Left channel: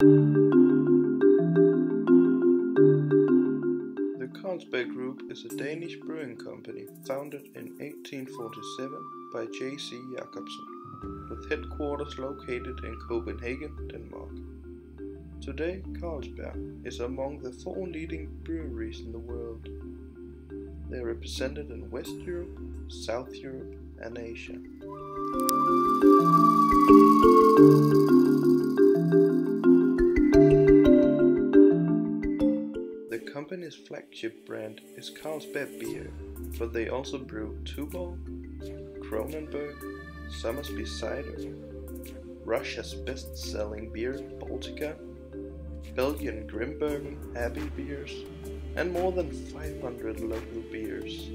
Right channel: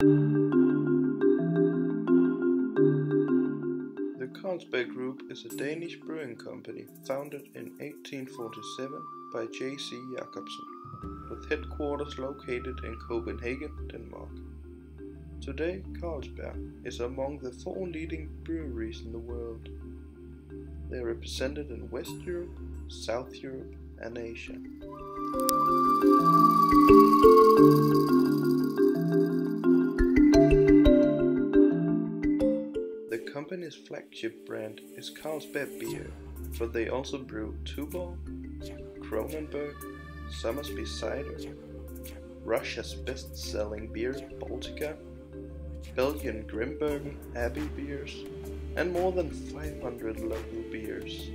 The Carlsberg Group is a Danish brewing company founded in 1847 by J.C. Jacobsen, with headquarters located in Copenhagen, Denmark. Today, Carlsberg is among the 4 leading breweries in the world. They are represented in West Europe, South Europe, and Asia. The company's flagship brand is Carlsberg Beer, but they also brew Tuborg, Kronenbourg, Somersby Cider, Russia's best-selling beer Baltika, Belgian Grimbergen Abbey beers, and more than 500 local beers.